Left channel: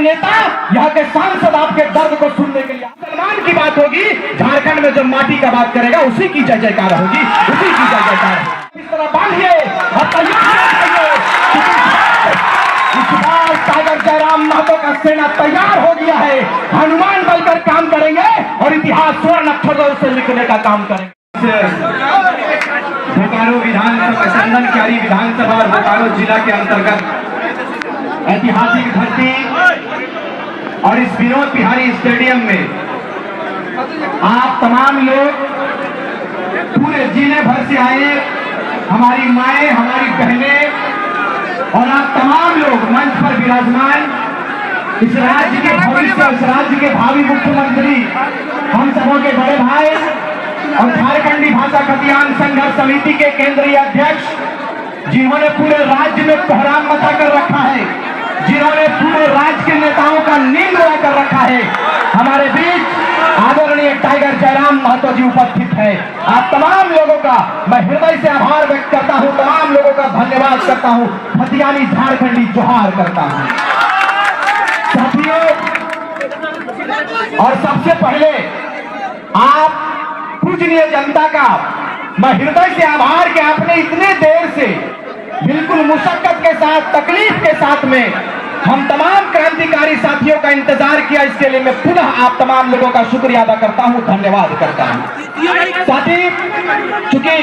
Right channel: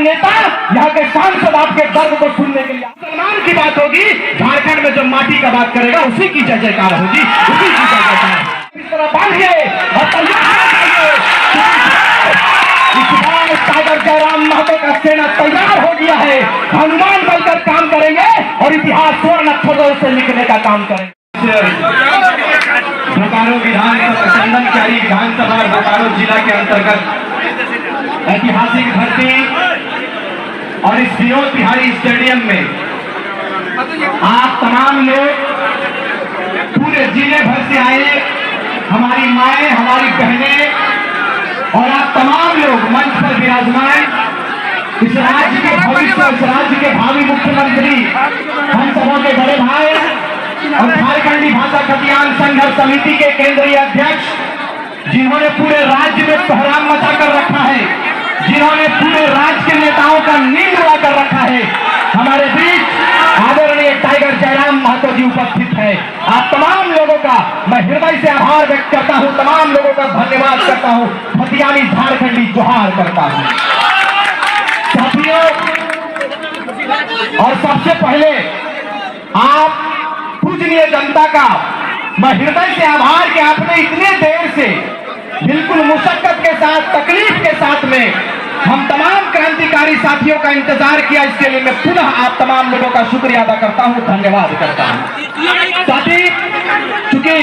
नेता, यहाँ के सांसद आपके दर्द को सुनने के लिए। मुसलमान की बात होगी, झारखंड में जब माटी का बात करेगा उसी की जय जयकार होगी, उसी की जय जयकार होगी। इस तरह बांधिए और तैयार, इस बार टाइगर जयराम महतो का सेना तैयार हो गया है। हनुमान बनकर काम करेंगे और इतिहास स्वर्ण अक्षरों से लिखने का काम करेंगे। बोकारो विधानसभा, चंदनकारी विधानसभा और बोकारो जिला के अंतर्गत ऐतिहासिक भर्ती और इस विनोद बिहारी स्टेडियम में आप तमाम लोग पूरे जिले भर से आए, हमारी माएं, हमारी बहनें और आप तमाम लोग मंच पर विराजमान, इस राज्य के भविष्य, इस राज्य के भावी मुख्यमंत्री, हम सबों के बड़े भाई और झारखंडी भाषा खतियान संघर्ष समिति के केंद्रीय अध्यक्ष, जिन्होंने पूरे राज्य में कोहराम मचा कर रखा है, जिन्होंने पूरे राज्य के नेताओं का नींद उड़ा कर रखा है, हमारे बीच आदरणीय टाइगर जयराम महतो जी उपस्थित है। आप तमाम लोगों का मैं हृदय से आभार व्यक्त करता हूं, तमाम लोगों का धन्यवाद करता हूं, खतियानी झारखंडी जोहार करता हूं। साथियों, और सबसे पहले आप पूजनीय जनता का मैं हृदय से आभार कि आपने इतने देर से बिल्कुल मुशक्कत के साथ, तकलीफ के साथ में हम तमाम क्रांतिकारी साथियों का इंतजार किया। इसके लिए मैं पुनः आप तमाम लोगों का शुक्रिया अदा करता हूं, धन्यवाद करता हूं। साथी, चूंकि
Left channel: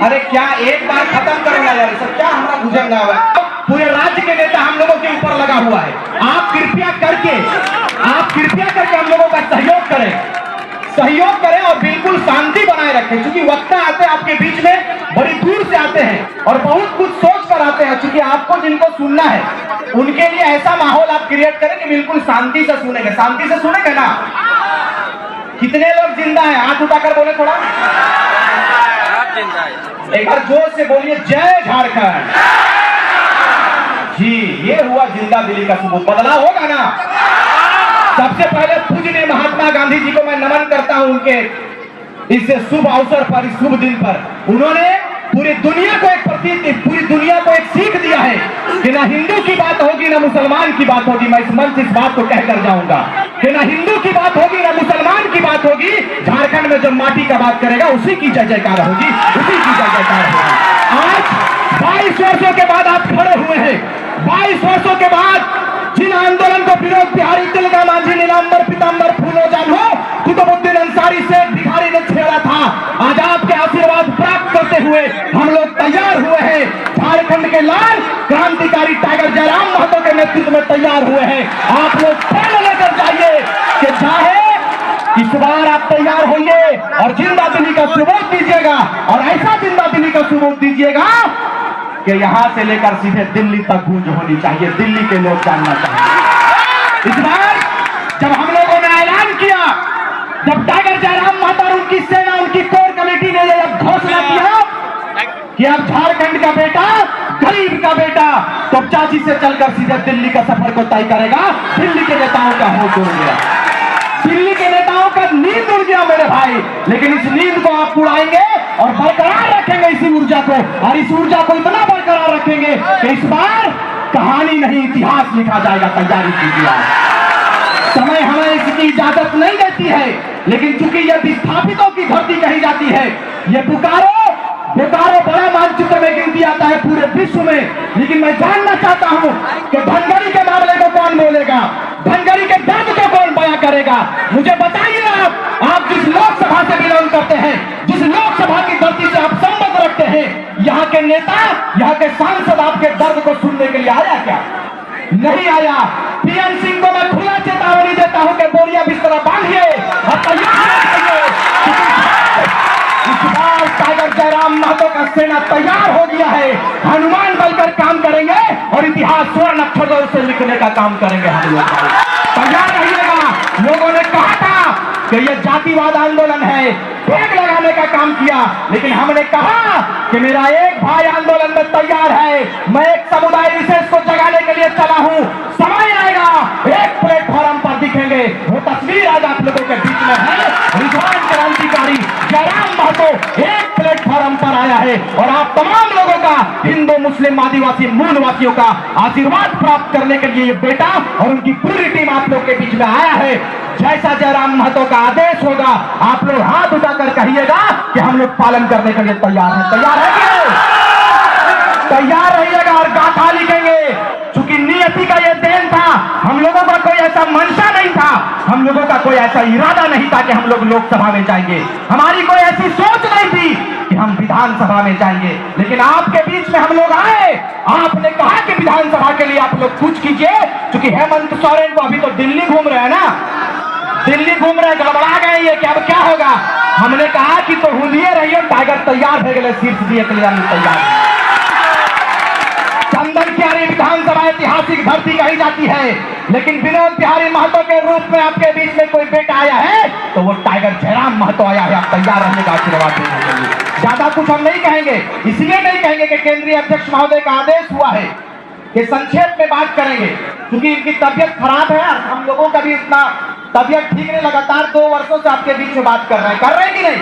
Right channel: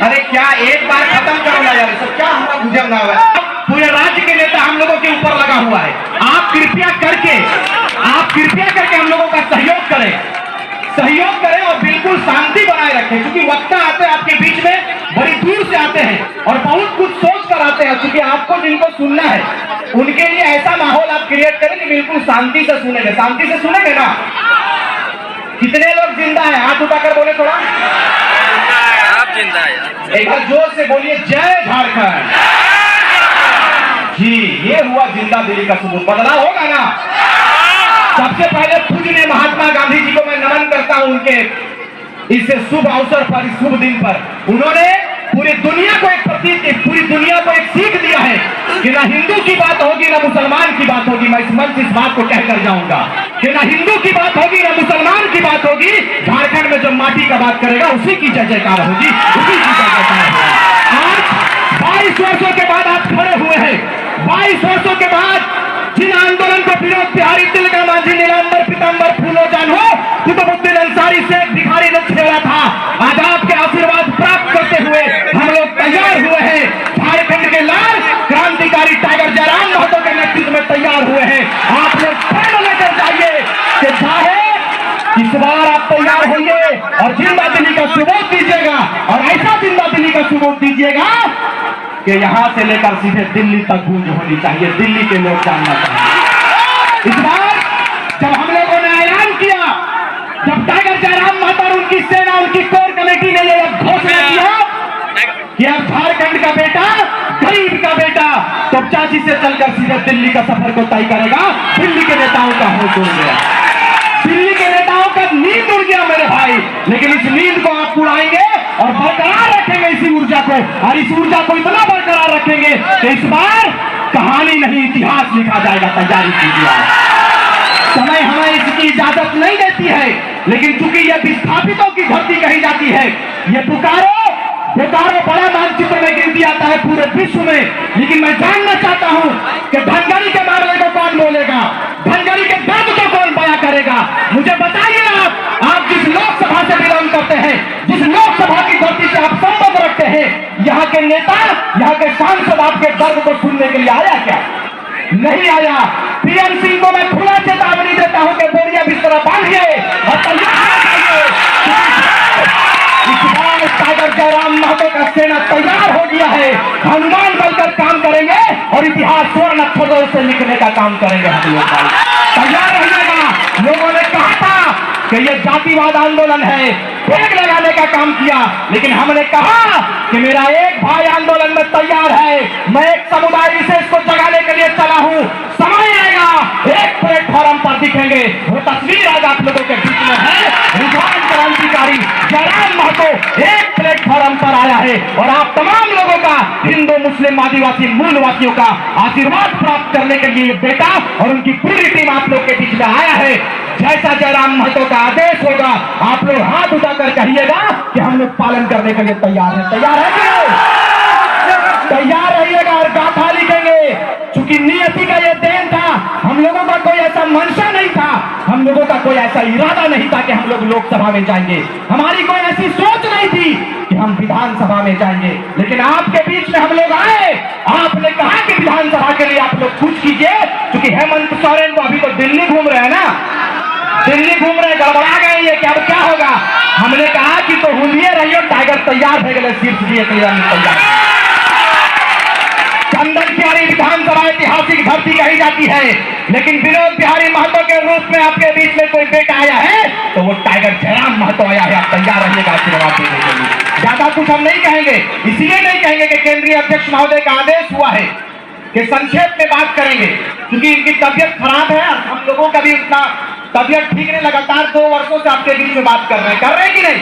अरे क्या एक बार खत्म करो ना यार, सब क्या हमारा भुजंग है। पूरे राज्य के नेता हम लोगों के ऊपर लगा हुआ है। आप कृपया करके हम लोगों का सहयोग करें और बिल्कुल शांति बनाए रखें। क्योंकि वक्ता आते हैं आपके बीच में, बड़ी दूर से आते हैं और बहुत कुछ सोच कर आते हैं। क्योंकि आपको जिनको सुनना है उनके लिए ऐसा माहौल आप क्रिएट करें कि बिल्कुल शांति से सुनेंगे। शांति से सुनेंगे ना? कितने लोग जिंदा है? हाथ उठाकर बोले थोड़ा। आप जिंदा है? एक बार जोर से बोलिए, जय झारखंड। जी, ये हुआ जिंदा दिली का सबूत। बदलाव होगा ना? सबसे पहले पूजनीय महात्मा गांधी जी को मैं नमन करता हूं। उनके इस शुभ अवसर पर, इस शुभ दिन पर उन्होंने पूरी दुनिया को पूरी दुनिया को एक सीख दिया है कि ना हिंदू की बात होगी ना मुसलमान की बात होगी। मैं इस मंच से इस बात को कहकर जाऊंगा कि ना हिंदू की बात होगी ना मुसलमान की बात होगी। झारखंड में जब माटी का बात करेगा उसी की जय जयकार होगी, उसी की जय जयकार होगी। आज 22 वर्षों के बाद आप खड़े हुए हैं। 22 वर्षों के बाद जिन आंदोलन को विनोद बिहारी, तिलका मांझी, नीलांबर, पीतांबर, फूलो जानू, कुतुबुद्दीन अंसारी, शेख भिखारी ने छेड़ा था, आज आपके आशीर्वाद प्राप्त करते हुए हम लोग तैयार हुए हैं। झारखंड के लाल क्रांतिकारी टाइगर जयराम महतो के नेतृत्व में तैयार हुए हैं। आप लोग प्रेरणा लेकर जाइए कि चाहे इस बार आप तैयार होंगे और जिंदा दिली का सबूत दीजिएगा, और ऐसा जिंदा दिली का सबूत दीजिएगा कि यहां से लेकर सीधे दिल्ली तक गूंज होनी चाहिए, दिल्ली के लोग जानना चाहिए। इस बार जब हम लोगों ने ऐलान किया, जब टाइगर जयराम महतो और उनकी सेना, उनकी कोर कमेटी ने यह घोषणा किया कि अब झारखंड का बेटा, गरीब का बेटा तो चाची से चलकर सीधे दिल्ली का सफर को तय करेगा, दिल्ली के नेताओं का होश उड़ गया, दिल्ली के नेताओं का नींद उड़ गया मेरे भाई। लेकिन इस नींद को आप उड़ाएंगे और बरकरार रखेंगे इसी ऊर्जा को, और इस ऊर्जा को इतना बरकरार रखेंगे कि इस बार कहानी नहीं इतिहास लिखा जाएगा। तैयारी कीजिए। समय हमें इसकी इजाजत नहीं देती है, लेकिन चूंकि यह विस्थापितों की धरती कही जाती है, ये बोकारो बड़ा मानचित्र में गिनती आता है पूरे विश्व में। लेकिन मैं जानना चाहता हूं कि धनगरी के मामले को कौन बोलेगा, धनगरी के दर्द को कौन बयां करेगा? मुझे बताइए। आप जिस लोकसभा से बिलोंग करते हैं, जिस लोकसभा की धरती से आप संबंध रखते हैं, यहाँ के नेता, यहाँ के सांसद आपके दर्द को सुनने के लिए आया क्या? नहीं आया। पीएन सिंह को मैं खुला चेतावनी देता हूं कि बोरिया बिस्तर बांधिए और इस बार टाइगर जयराम महतो का सेना तैयार हो गया है। हनुमान बनकर काम करेंगे और इतिहास स्वर्ण अक्षरों से लिखने का काम करेंगे हम लोग। तैयार रहिएगा। लोगों ने कहा था कि यह जातिवाद आंदोलन है, फेंक लगाने का काम किया, लेकिन हमने कहा कि मेरा एक भाई आंदोलन में तैयार है, मैं एक समुदाय विशेष को जगाने के लिए चला हूं। समय आएगा, एक प्लेटफॉर्म पर दिखेंगे, वो तस्वीर आज आप लोगों के बीच में है। रुझान क्रांतिकारी जयराम महतो एक प्लेटफॉर्म हम पर आया है और आप तमाम लोगों का, हिंदू मुस्लिम आदिवासी मूलवासियों का आशीर्वाद प्राप्त करने के लिए ये बेटा और उनकी पूरी टीम आप लोग के बीच में आया है। जैसा जयराम महतो का आदेश होगा आप लोग हाथ उठाकर कहिएगा कि हम लोग पालन करने के लिए तैयार हैं। तैयार है कि नहीं? तैयार रहिएगा और गाथा लिखेंगे। चूंकि नियति का ये देन था, हम लोगों का कोई ऐसा मंशा नहीं था, हम लोगों का कोई ऐसा इरादा नहीं था कि हम लोग लोकसभा में जाएंगे, हमारी कोई ऐसी सोच नहीं थी कि हम विधानसभा में जाएंगे। लेकिन आपके बीच में हम लोग आए, आपने कहा कि विधानसभा के लिए आप लोग कुछ कीजिए। क्योंकि हेमंत सोरेन को अभी तो दिल्ली घूम रहे हैं ना, दिल्ली घूम रहे, गड़बड़ा गए ये कि अब क्या होगा। हमने कहा कि तो हुलिये रहियो, टाइगर तैयार हो गए, सीट दिए तैयार। चंदन क्यारी विधानसभा ऐतिहासिक धरती कही जाती है, लेकिन विनोद बिहारी महतो के रूप में आपके बीच में कोई बेटा आया है तो वो टाइगर जयराम महतो आया है। आप तैयार रहिएगा आशीर्वाद देने के लिए। ज्यादा कुछ हम नहीं कहेंगे, इसलिए नहीं कहेंगे कि केंद्रीय अध्यक्ष महोदय का आदेश हुआ है कि संक्षेप में बात करेंगे, क्योंकि इनकी तबियत खराब है और हम लोगों का भी उतना तबियत ठीक नहीं। लगातार 2 वर्षों से आपके बीच में बात कर रहे हैं, कर रहे हैं कि नहीं?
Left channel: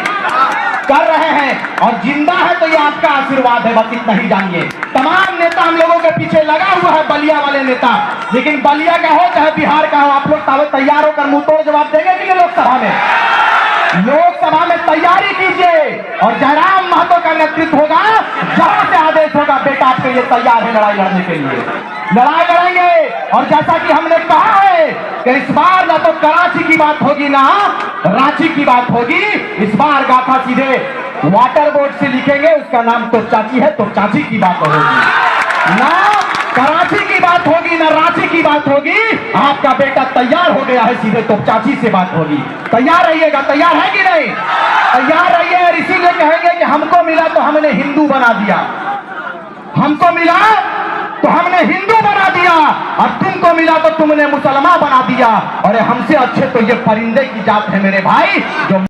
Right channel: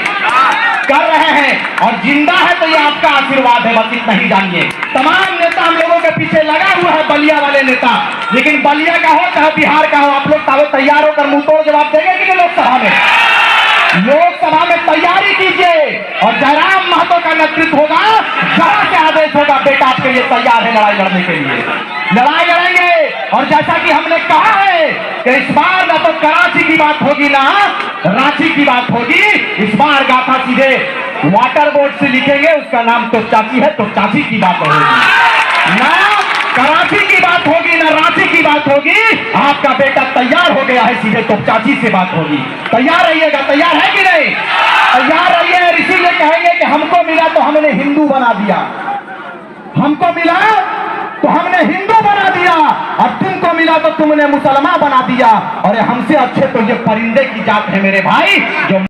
कर रहे हैं, और जिंदा है तो ये आपका आशीर्वाद है, बस इतना ही जानिए। तमाम नेता हम लोगों के पीछे लगा हुआ है, बलिया वाले नेता, लेकिन बलिया का हो चाहे बिहार का हो, आप लोग तैयार होकर मुंह तोड़ जवाब देंगे कि नहीं लोकसभा में? लोकसभा में तैयारी कीजिए और जयराम महतो का नेतृत्व होगा, जहां से आदेश होगा बेटा आपके लिए तैयार है लड़ाई लड़ने के लिए। लड़ाई लड़ेंगे, और जैसा कि हमने कहा है कि इस बार ना तो कराची की बात होगी ना रांची की बात होगी, इस बार गाथा सीधे वाटर बोर्ड से लिखेंगे, उसका नाम तो चाची है, तो चाची की बात होगी ना, कराची की बात होगी ना रांची की बात होगी। आपका बेटा तैयार हो गया है, सीधे तो चाची से बात होगी। तैयार रहिएगा, तैयार है कि नहीं? तैयार रहिए। और इसीलिए कहेंगे कि हमको मिला तो हमने हिंदू बना दिया, हमको मिला तो हमने हिंदू बना दिया, और तुमको मिला तो तुमने मुसलमान बना दिया, और हमसे अच्छे तो ये परिंदे की जात है मेरे भाई, जो